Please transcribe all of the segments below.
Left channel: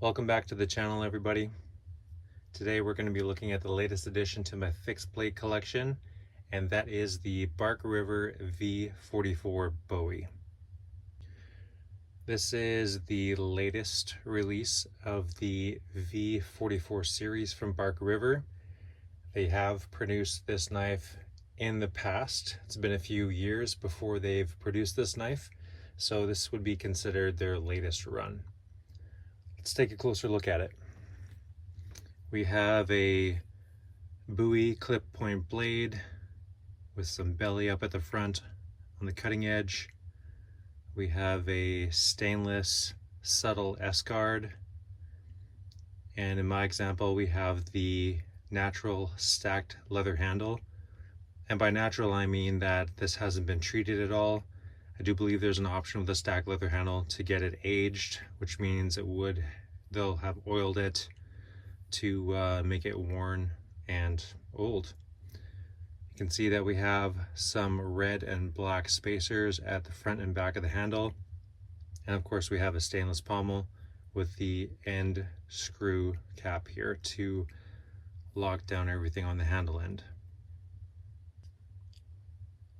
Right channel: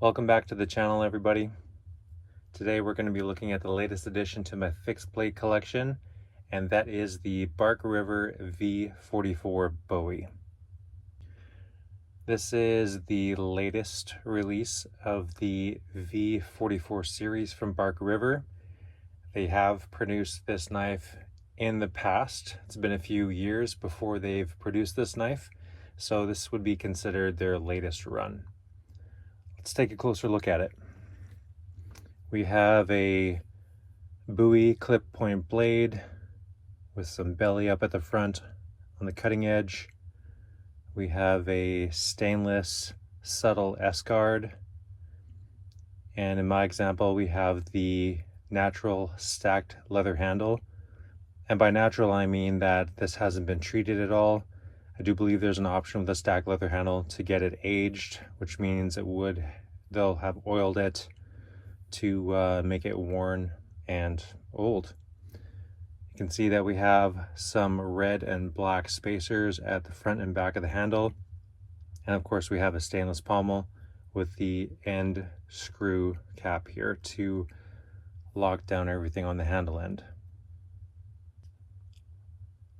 Welcome back to the channel, everybody. Today we're going to be looking at the latest addition to my fixed blade collection, and that is the Bark River V44 Bowie. This is the latest release of the V44 series from Bark River. They have produced this knife in the past. It's been a few years before they've produced this knife, so this would be considered their latest run. Let's take a closer look at it. We have a Bowie clip point blade with some belly up at the front on the cutting edge. We have a stainless subtle S-guard. And in my example, we have the natural stacked leather handle. And by natural, I mean that this hasn't been treated at all. I do believe there's an option with the stacked leather handle to get it aged, which means they'll have oiled it to make it worn and old. You can see that we have some red and black spacers at the front and back of the handle. And of course we have a stainless pommel with the end screw cap here to lock down everything on the handle end.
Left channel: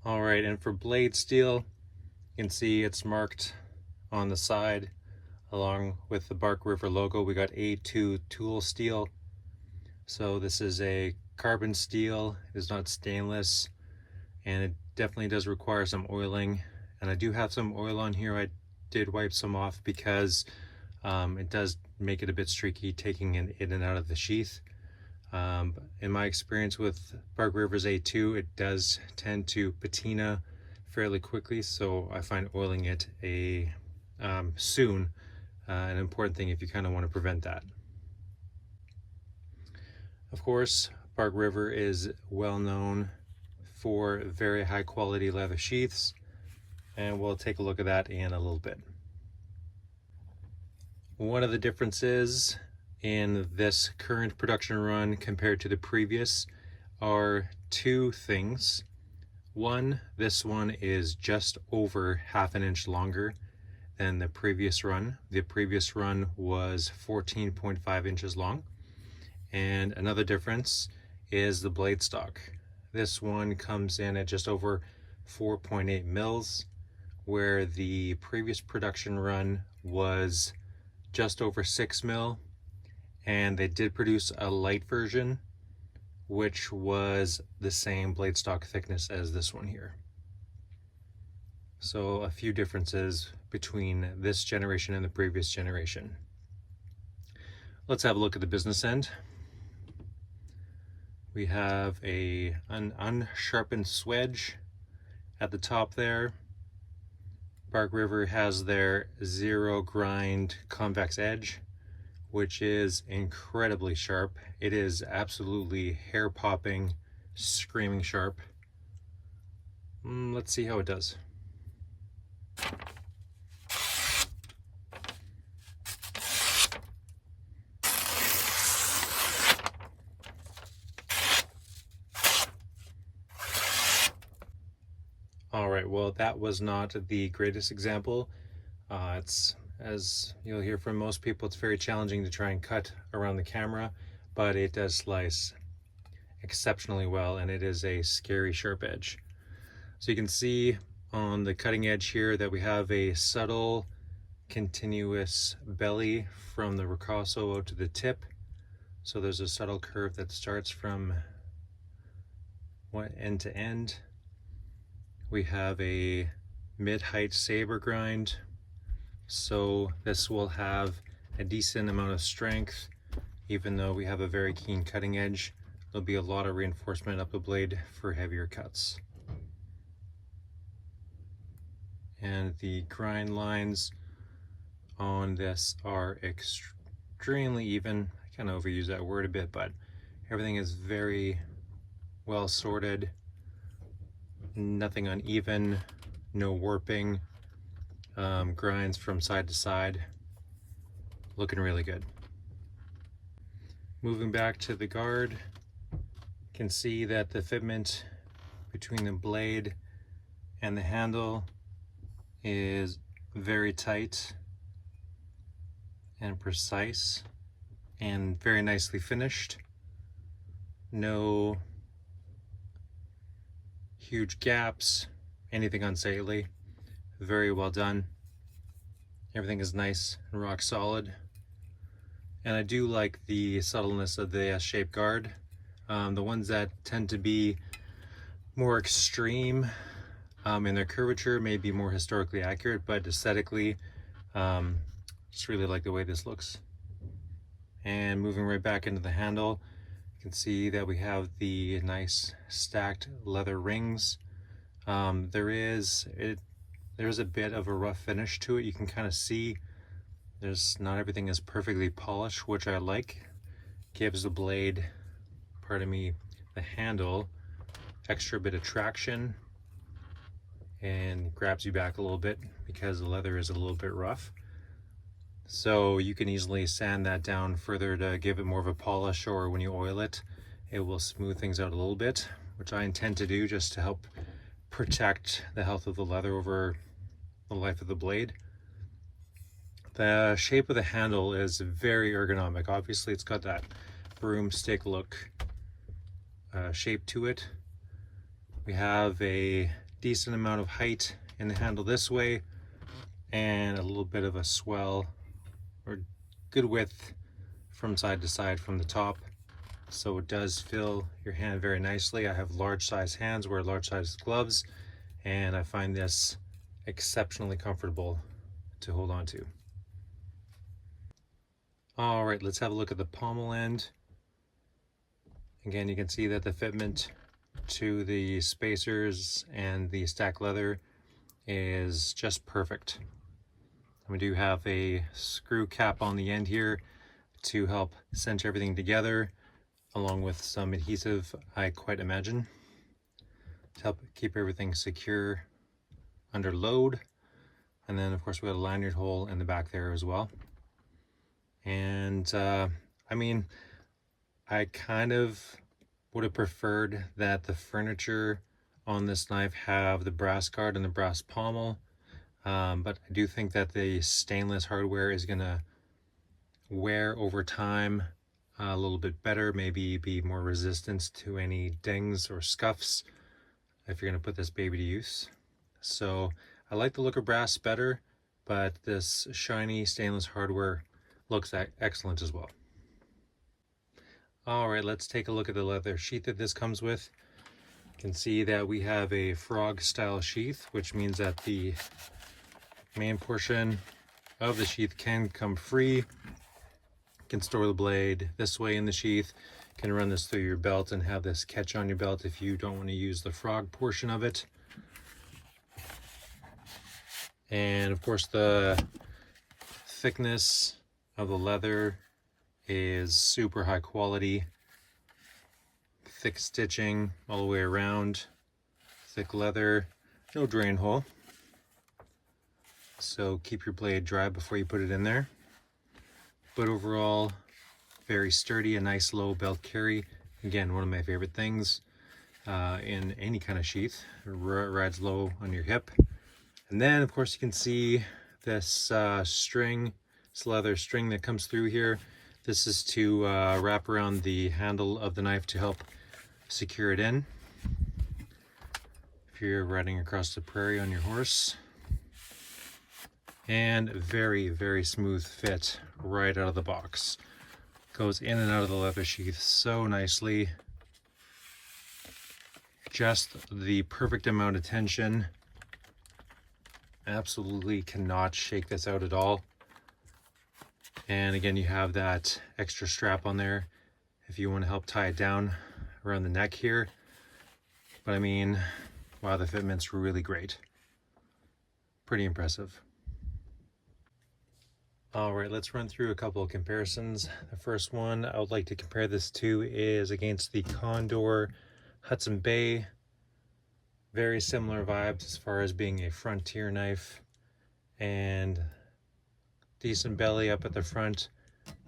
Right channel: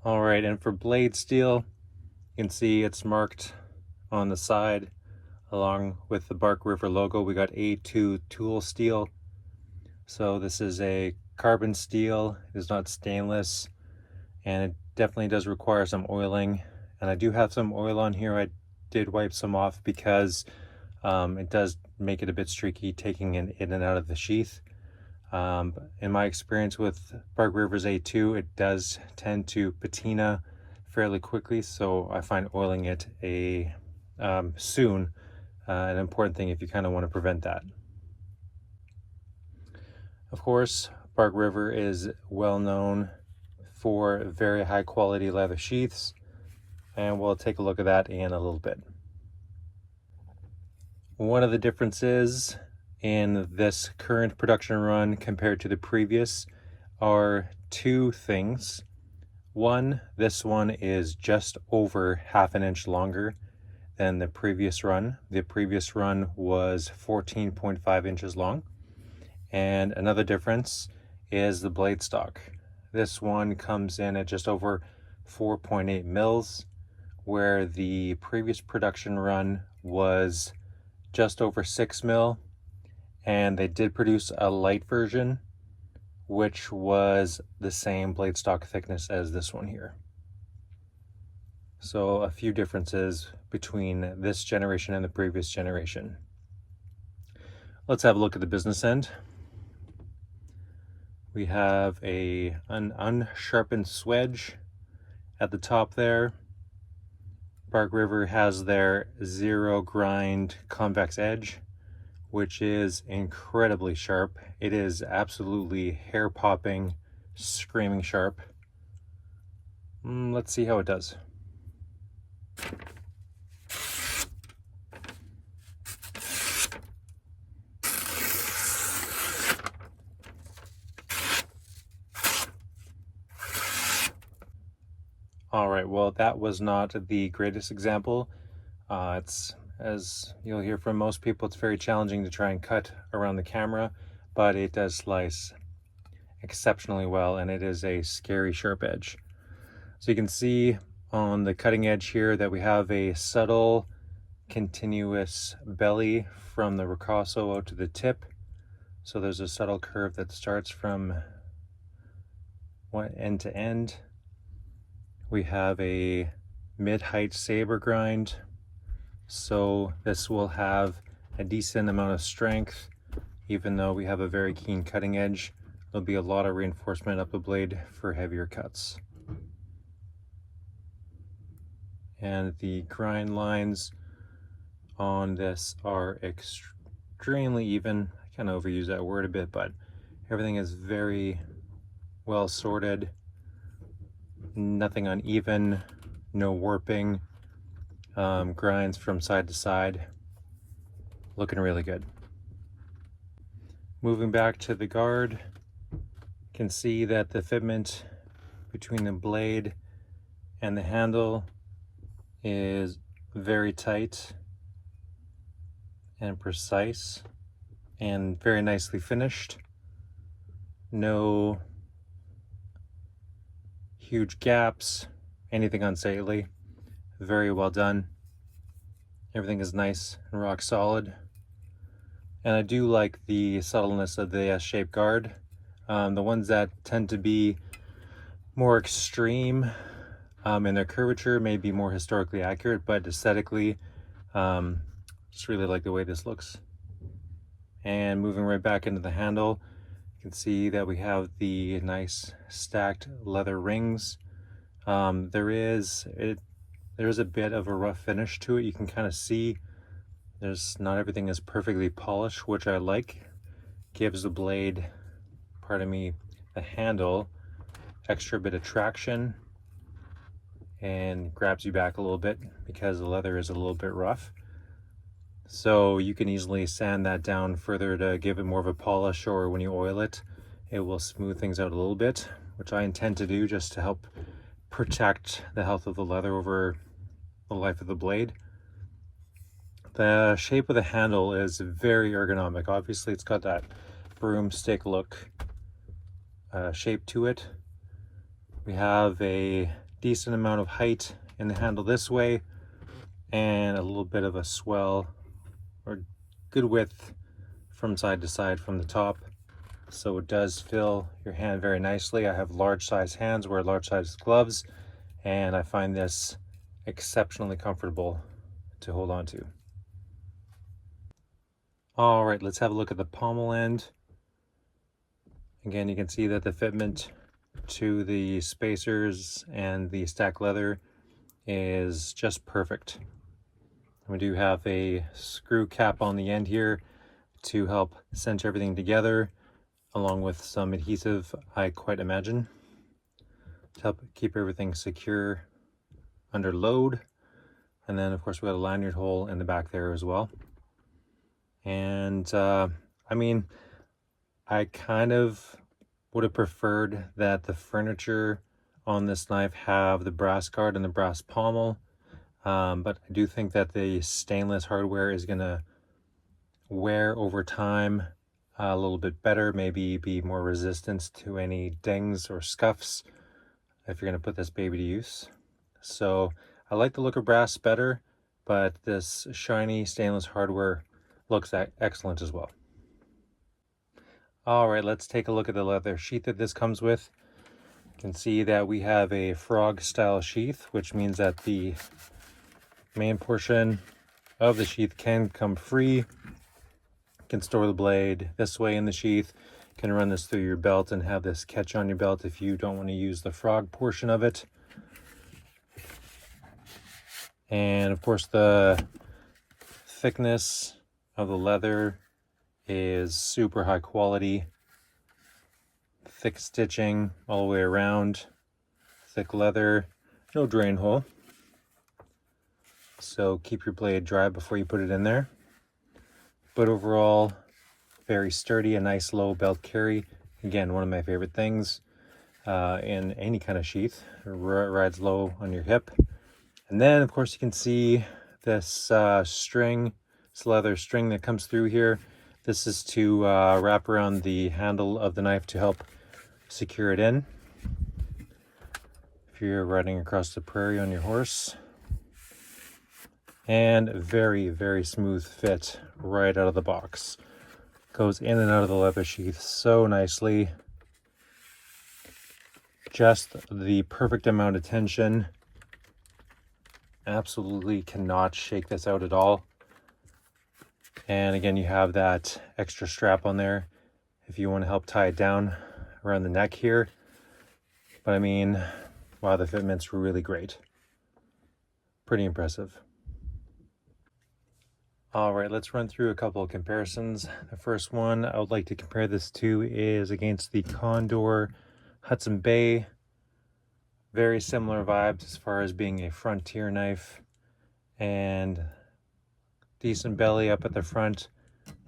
All right, and for blade steel, you can see it's marked on the side along with the Bark River logo. We got A2 tool steel. So this is a carbon steel. It is not stainless, and it definitely does require some oiling. And I do have some oil on here. I did wipe some off because it does make it a bit streaky taking it in and out of the sheath. In my experience with Bark River's A2, it does tend to patina fairly quickly, so I find oiling it soon an important thing if you kind of want to prevent that. Of course, Bark River is well known for very high quality leather sheaths, and we'll take a look at that in a little bit. One of the differences in this current production run compared to the previous are two things. One, this one is just over half an inch longer than the previous run. The previous run was 14.5 inches long. And another difference is the blade stock. This one comes in at just over 4.8 mils, where the previous production run was just over 6 mil. And they did produce a light version, which was the same blade stock thickness as this one here. So a few differences between this generation and the previous generation. Let's have a look at the business end. We have an unsharpened swedge at the top there. Bark River has their zero grind convex edge, which is incredibly sharp. It is absolutely hair-popping, screaming sharp. Let's see how it does. All right, well, that was not the greatest example. As you'll hear from most people, it's very challenging to try and cut around the camera, but it does slice exceptionally well, and it is a scary sharp edge. So you can see on the cutting edge here that we have a subtle continuous belly from the ricasso out to the tip. So there's a subtle curve that starts from one end to end. We have a mid-height saber grind, so this will have a decent amount of strength. Even though we have a very keen cutting edge, there'll be a lot of reinforcement up the blade for heavier cuts. And the grind lines on this are extremely even. I kind of overuse that word a bit, but everything is very well sorted. Nothing uneven, no warping, grinds from side to side. Looking really good. Moving back to the guard, you can see that the fitment between the blade and the handle is very tight, and precise and very nicely finished. No huge gaps, anything unsightly. Very well done. Everything is nice and rock solid. And I do like the subtleness of the S-shaped guard. The ones that tend to be more extreme in their curvature may be more historically accurate, but aesthetically, just really like the way this looks. And moving right back into the handle, you can see that we have the nice stacked leather rings. There's a bit of a rough finish to it. You can kind of see not everything is perfectly polished, which I like. Gives the blade, pardon me, the handle extra bit of traction and grabs you back a little bit because the leather is a little bit rough. So you can easily sand that down further to give it more of a polish, or when you oil it, it will smooth things out a little bit, which I intend to do just to help protect the health of the leather over the life of the blade. The shape of the handle is very ergonomic. Obviously it's got that broomstick look shape to it. We have a decent amount of height in the handle this way and a little bit of a swell or good width from side to side from the top, so it does fill your hand very nicely. I have large size hands, wear large size gloves, and I find this exceptionally comfortable to hold on to. All right, let's have a look at the pommel end. Again, you can see that the fitment to the spacers and the stack leather is just perfect. We do have a screw cap on the end here to help cinch everything together, along with some adhesive, I quite imagine, to help keep everything secure under load. And then of course we got a lanyard hole in the back there as well. And I mean, I kind of would have preferred that the furniture on this knife have the brass guard and the brass pommel, but I do think that the stainless hardware is gonna wear over time a little bit better, maybe be more resistant to any dings or scuffs if you're gonna put this baby to use. So I like the look of brass better, but this shiny stainless hardware looks excellent as well. All right, let's take a look at the leather sheath that this comes with. You can see that we have a frog style sheath, which means that the main portion of the sheath can come free. You can store the blade this way in the sheath. You can run this through your belt and have this catch on your belt if you don't want to use the frog portion of it. And of course the thickness of the leather is super high quality. Thick stitching all the way around, thick leather, no drain hole. So keep your blade dry before you put it in there. But overall, very sturdy, a nice low belt carry. Again, one of my favorite things in any kind of sheath. It rides low on your hip. And then of course you can see this string, this leather string that comes through here. This is to wrap around the handle of the knife to help secure it in if you're riding across the prairie on your horse. And very, very smooth fit right out of the box. Goes in and out of the leather sheath so nicely. Just the perfect amount of tension. Absolutely cannot shake this out at all. And again, you have that extra strap on there if you want to help tie it down around the neck here. But I mean, wow, the fitment's really great. Pretty impressive. All right, let's run through a couple of comparisons. The first one I would like to compare this to is against the Condor Hudson Bay. Very similar vibes as far as being a frontier knife, and decent belly up at the front,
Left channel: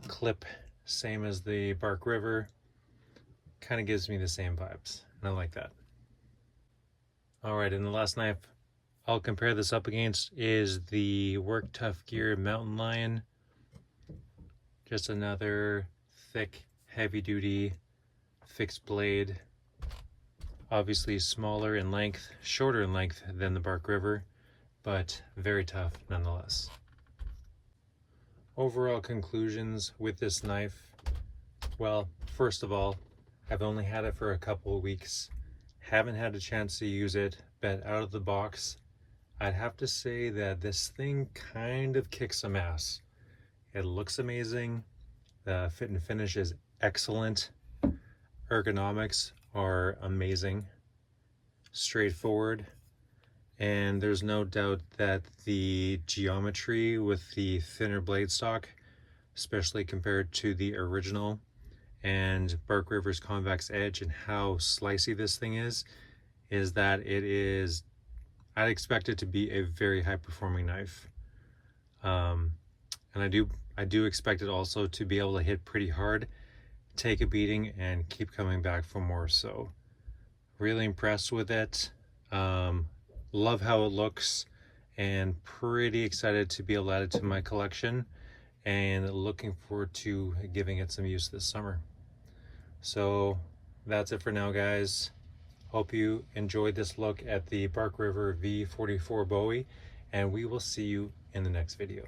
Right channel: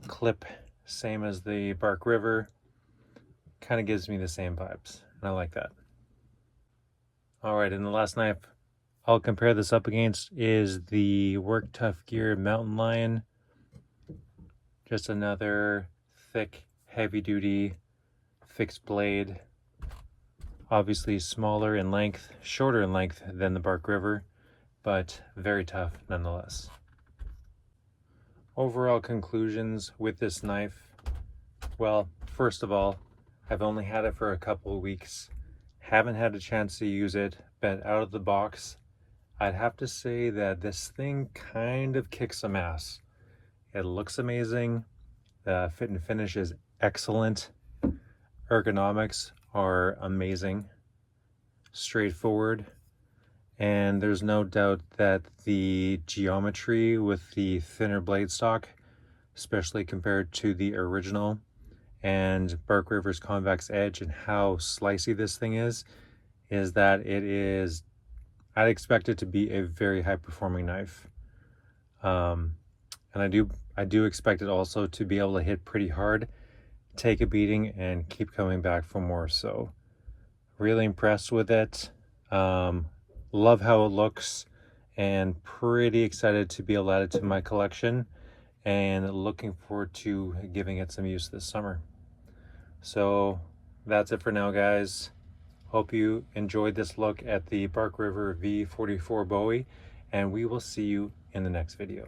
clip same as the Bark River. Kind of gives me the same vibes, and I like that. All right, and the last knife I'll compare this up against is the Work Tough Gear Mountain Lion. Just another thick, heavy-duty fixed blade. Obviously smaller in length, shorter in length than the Bark River, but very tough nonetheless. Overall conclusions with this knife. Well, first of all, I've only had it for a couple of weeks. Haven't had a chance to use it, but out of the box, I'd have to say that this thing kind of kicks some ass. It looks amazing. The fit and finish is excellent. Ergonomics are amazing. Straightforward. And there's no doubt that the geometry with the thinner blade stock, especially compared to the original, and Bark River's convex edge and how slicey this thing is that it is, I'd expect it to be a very high performing knife. And I do expect it also to be able to hit pretty hard, take a beating, and keep coming back for more. So really impressed with it. Love how it looks, and pretty excited to be able to add it to my collection, and looking forward to giving it some use this summer. So that's it for now, guys. Hope you enjoyed this look at the Bark River V44 Bowie, and we will see you in the next video.